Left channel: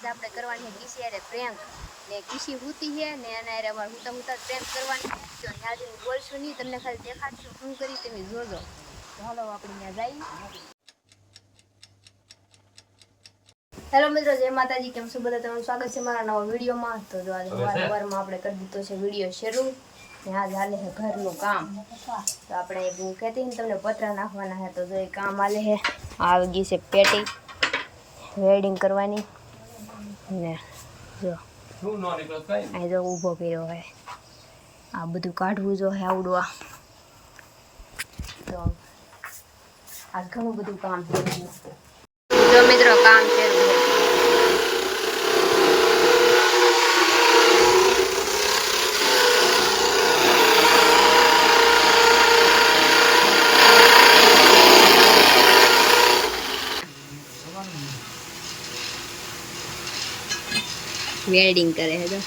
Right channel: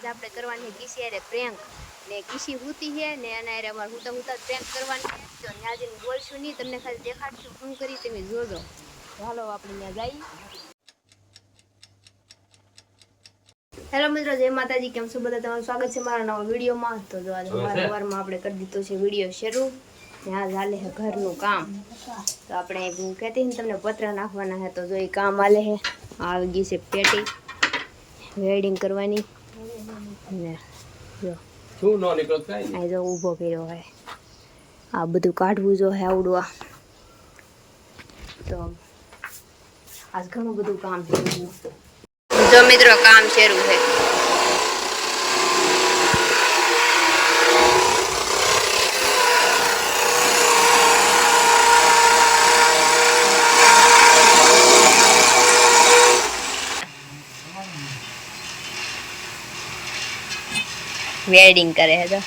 આજ આપણે કરવાની છે કિસી અરે પ્રેન્ક ને કિસી હુતી છે ને અને અરે અમાર હુતા હુતા પ્રેન્ક કરવાની છે તો ત્યાં જઈને બોલશું નહીં, તમને ખાલી દેખાડશું શું કરી તમે જોજો. તો હાલો આપણે ત્યાં જઈએ. હેલો મિત્રો, જય માતાજી. કેમ છો બધા? તમારું સ્વાગત છે મારા નવા વિડીયોમાં. તો જો આજે સવારમાં આપણે કરી દીધો છે વિડીયો શરૂ. ત્યાં ચાલે છે ઘરનું કામ. તો આપણે હું કહેતી ને તમને પતરા નાખવાના છે તો જો એ કામ હાલે છે. આવી ગઈ છે પેટી વેલ્ડિંગ કરવાની ને જો આ જો ઊભો કર્યો હોય આ બધું કાઢવું જો હે આવડવા. તો આજ ઘણું બધું કામ છે. જો મિત્રો કામ શરૂ છે. વેલ્ડિંગ કરે છે તો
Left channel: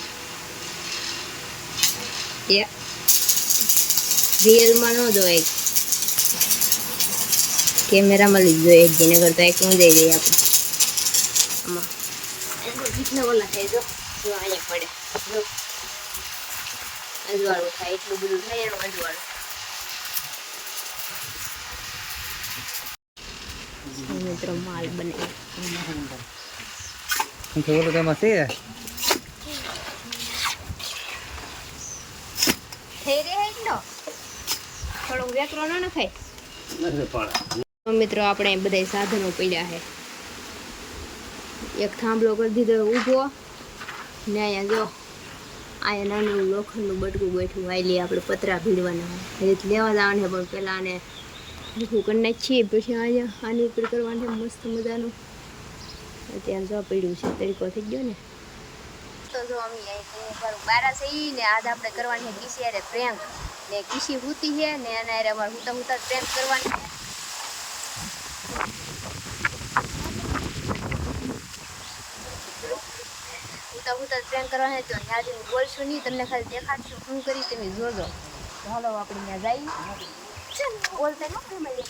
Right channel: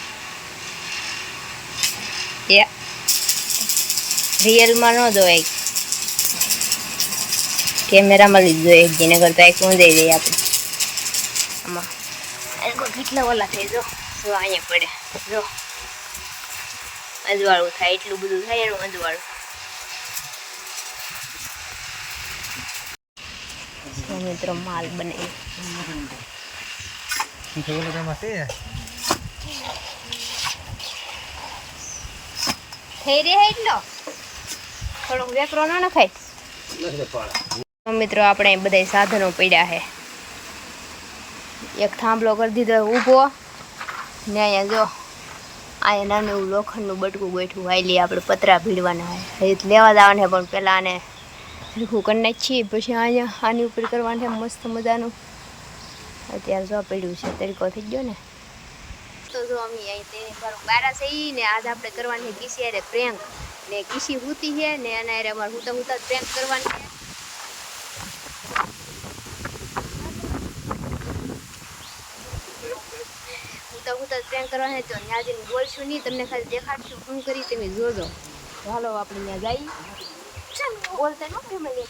રિયલમાં ન જોવાય, કેમેરામાં લીધો એક જેને કરતા એક ઊંધાઈ જઈએ આપણે. આમાં કેટલા ઓલા થાય જો અહીંયા પડે જો અંજવાળું થાય, એટલું બધું થાય એનું અંજવાળું. મિત્રો માલ બનાવી મિત્રો આપણે બધા સાધનો પડ્યા છે. એક થાંભલો કરી દીધો ઊભો ને અહીંયા જો અહીંયા નાનું એવું લોખંડનું બટકું ગોઠવું હાલી આપણે પતરા ભીડવાના છે. લેવા જવાના છે પણ પેલા આને હરખું કરી નાખીએ પછી અહીંયા આની ઉપર કરવાનું છે મસ્ત મજાનું. અત્યારે જો પડ્યું છે તરીકો થઈ ગયો ને. તો જો અમે અહીં બારા છે ને આજ આપણે કરવાની છે કિસી અરે પ્રેન્ક ને કિસી હુતી છે ને અને અરે અમારે હુતા હુતા પ્રેન્ક કરવાની છે. હુતા હુતા પ્રેન્ક કરવાની છે તો ત્યાં જઈને બોલશું નહીં, તમને ખાલી દેખાડશું શું કરી તમે જોજો. તો હાલો આપણે ત્યાં જઈએ. બોલતા ન ફેમિલી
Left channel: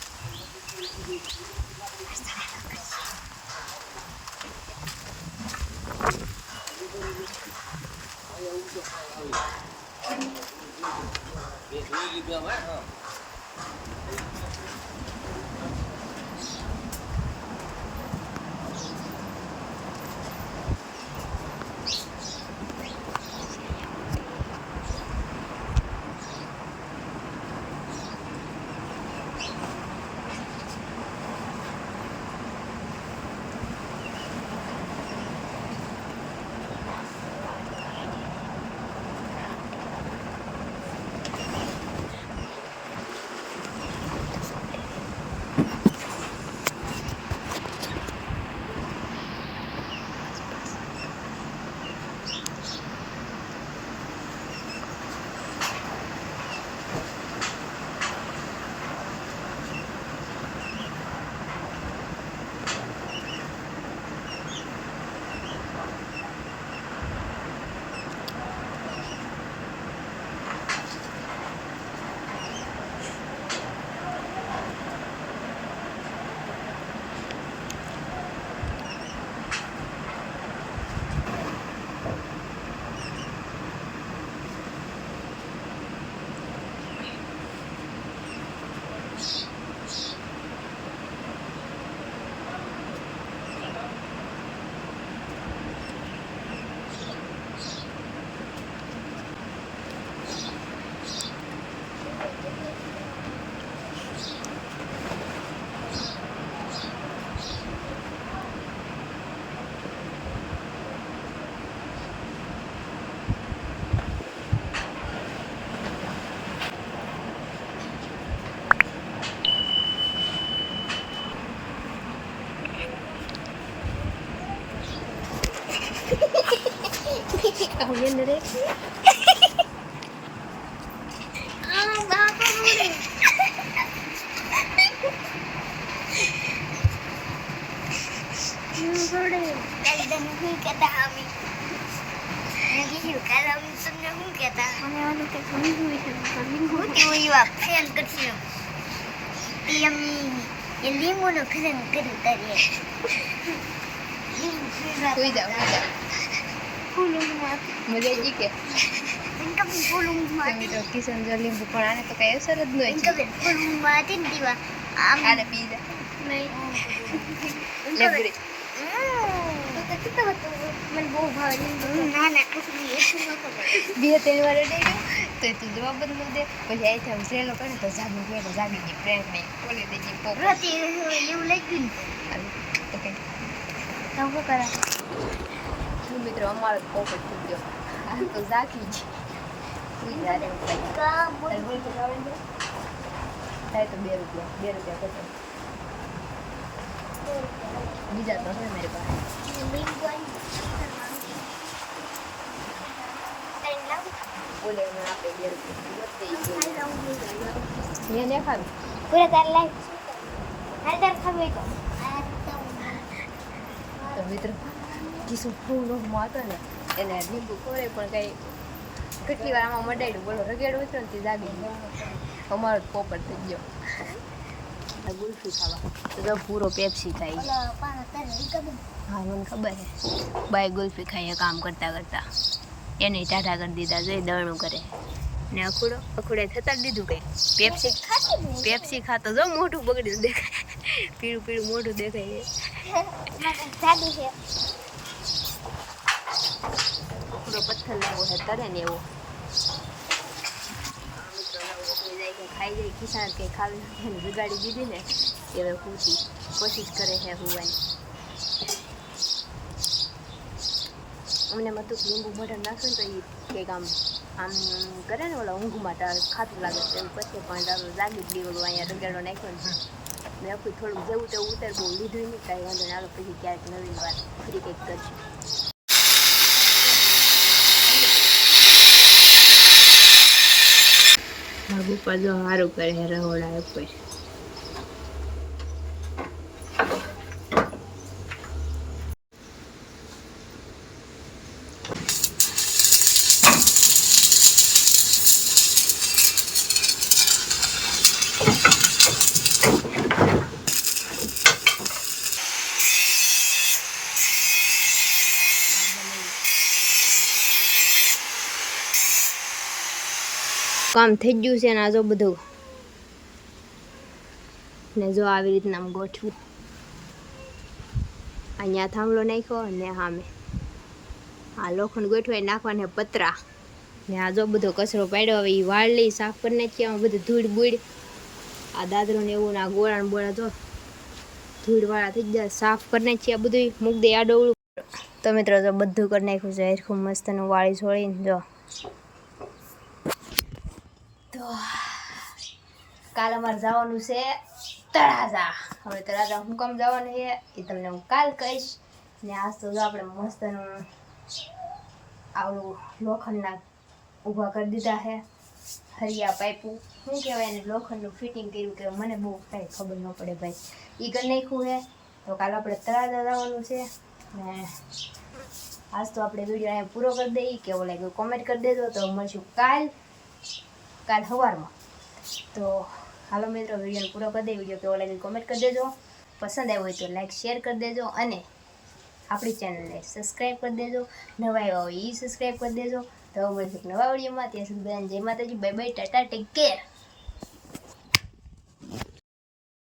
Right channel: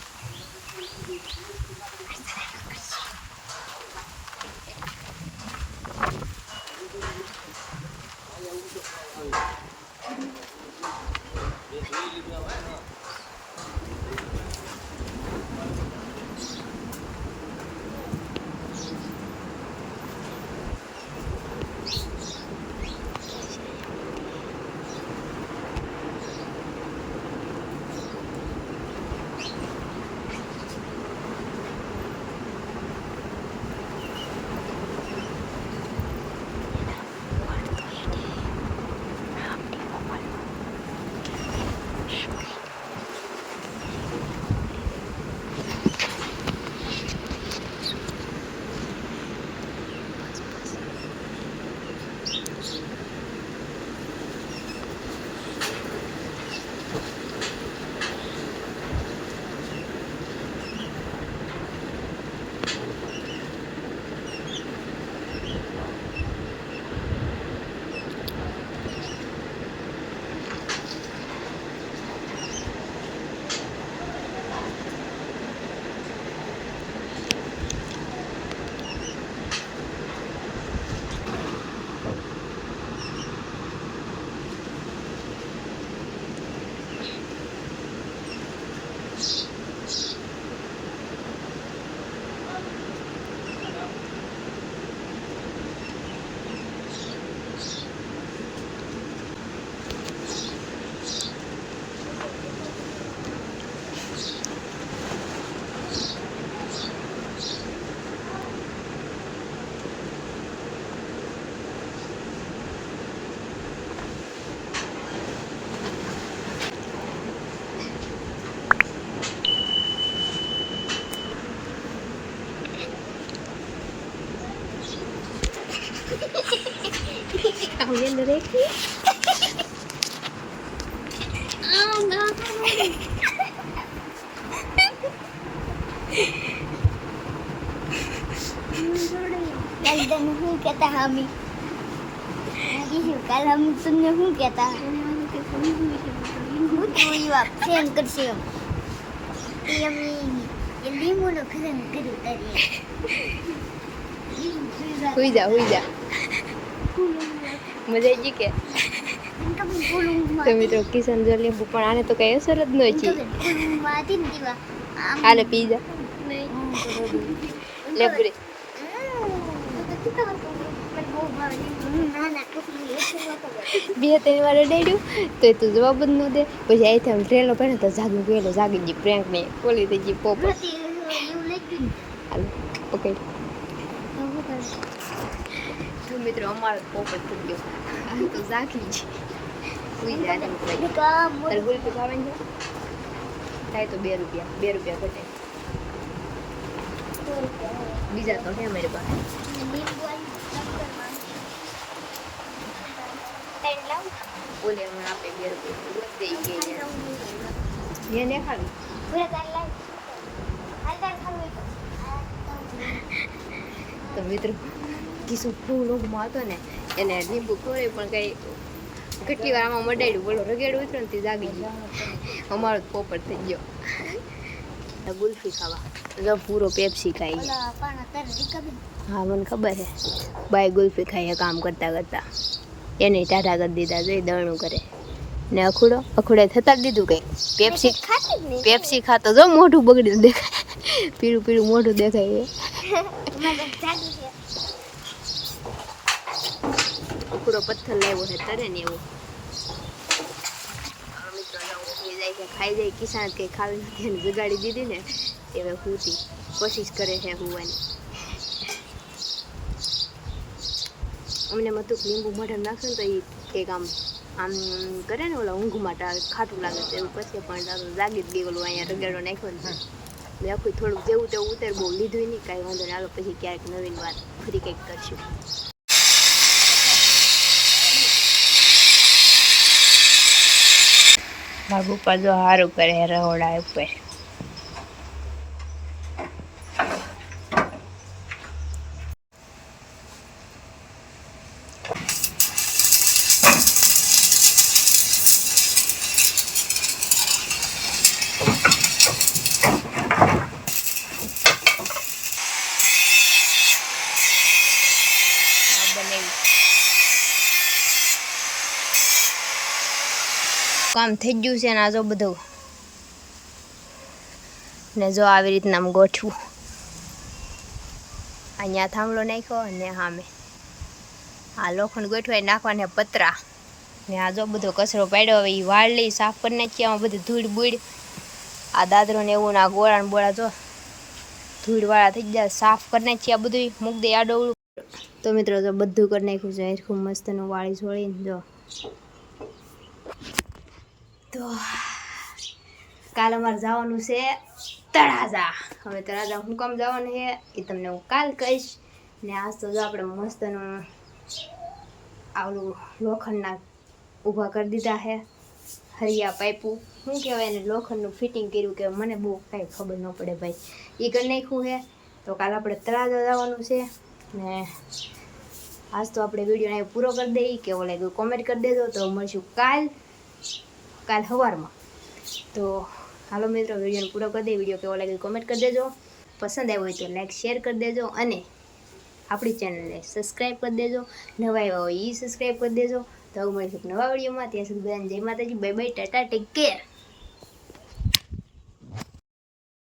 viendo de aquí. नहीं कहता हमें kalau musuhnya હું કહેતા મને વાળું કે કોઈ હોય છે હું કેવું એવા ફેન કરશે એ અમે એ લીંબુનો ફેન કર્યું તારે હુઈ જા મજા આવી ગઈ કે તો મિત્રો કિશન જો લીંબુ પણ આને તો કઈ અસર જ ન છે આલે પી જા લે પૂરી બે ત્રણ વાર ડેડ્યું તો તું જવાબ જ ન દે પછી અહીંથી આમ ટ્રેનો પડે તો જાગી ગઈ પ્રેન્ક મેં ઓલી થઈ ગઈ પોપ હાલો ઓકે તો મિત્રો અમારો પોપટ થઈ ગયો આ તો જાગી ગઈ સુઈ જાય તારે ગુલકી ખાવાની છે થાય તો 2 રૂપિયા ઘટે બીજા તો છે મારી પાસે ઓલે હમણાં આપે 2 રૂપિયા વધે ગઈ ને ખાવી પૂરે તાર લાઈફ હાલ તાર ખાવે તો મિત્રો કિશો ફૂલ ઊંઘમાં હતો ને એને લીંબુ ખોરે પણ કઈ કેટલી વાર આમાં મડાડ્યું બોલો રગેડું ઉતરો ને તે જાગી ગયો અમારો જ પોપટ થઈ ગયો ગુલ્ફી ખાવા જો પૂરો પેપ્સી ખાઈ હા મને ખબર છે બાય ગુલ્ફી ખાઈએ કામ કરતા એને ટાટા કરી દીધા જોઈ દળનું કરે ને અખુડે થતા જ દીધું કંઈક પેપ્સી ખાતો જો મોઢું બગડ્યું દેખાય પીળું મોઢું દેખાય અખુડો પથ્થર લાવ્યો છે તરે ને એવો મિત્રો ઓગળી જાય છે ખાઈ જાય કિસાન કંઈ ખાવી નથી એને જગાડી દીધી ને એ હવે હુતી કોશિશ કરે છે હુવાની અમને મતું લીંબુ મઢર નાખશે ને તો એ કંઈક આમ કરે ને ઓલા ઊંઘ માટે ખાટું લાગે તો એવું કરશે પણ તારું જાગી જ ગઈ ઓલું અહીંયા રગેડો નાખ્યો ને મેં આખું થોડુંક જેવું તેવું ઉતાર બહુ લીધું નહીં કાંઈ વાંધો નહીં હાલો પછી ક્યારેક નવીન વાત ફરી કંઈક કરશું મારા પપ્પા જો સારું કરે રહોડા ઉપર કામ થઈ ગયું છે ને આ જો બધું ને જો આવી રીતના આમ ગોઠવું અહીંયા થાંભલો નાખ્યો ને સામે આ લોખંડ ગોઠવાય નાખવાને પતરા ને આ જો બધો કચરો પાડ્યો હવે એ વાળ લઈ સાફ કરી નાખીએ આમાં બધું ધૂળ બૂળ આ દાદરો ને એવું ને આ ગોળા ને બોળા જો ધૂળવાળા થઈ જાય સાફ કરી નાખીએ આ બધું મૂક દે આડોવડું તો મિત્રો જો બધું કરી નાખ્યું છે ખૂબ મસ્તનું વાળી છોડીને જો તો કાલ અમારે જવાનું છે તળાજા હવે તળાજા હું કામ જવાનું છે એ તમને હું કાલ કહીશ ને આજ તો જો આપણે મસ્તનું આવડું લોખંડના ઊભા કરી દીધા છે હરિયા પાઇપું શું કહેવાય એને લોખંડનું ફિટિંગ કર્યું કે મને બહુ કાંઈ ખબર ન પડે ભાઈ એ કરી નાખ્યું છે તો કાલ આપણે તળાજા જવાનું છે ને આજ તો આપણે વિડીયો અહીંયા પૂરો કરી દઈએ કેવો લાગ્યો કોમેન્ટ કરી દેજો તો મળશું કાલ સવારમાં તો હાલો મિત્રો વિડીયોને પૂરો કરી દે વિડીયો કેવો લાગે કોમેન્ટ કરી દેજો પસંદ આવ્યો હોય તો લાઈક શેર કરી દેજો અને આપણી ચેનલને સબસ્ક્રાઈબ કરી દેજો નવા આવ્યા હોય એ સબસ્ક્રાઈબ કરી દેજો તો મળીશું નવા વિડીયોમાં ત્યાં સુધી બધાને જય માતાજી bye bye Tata take care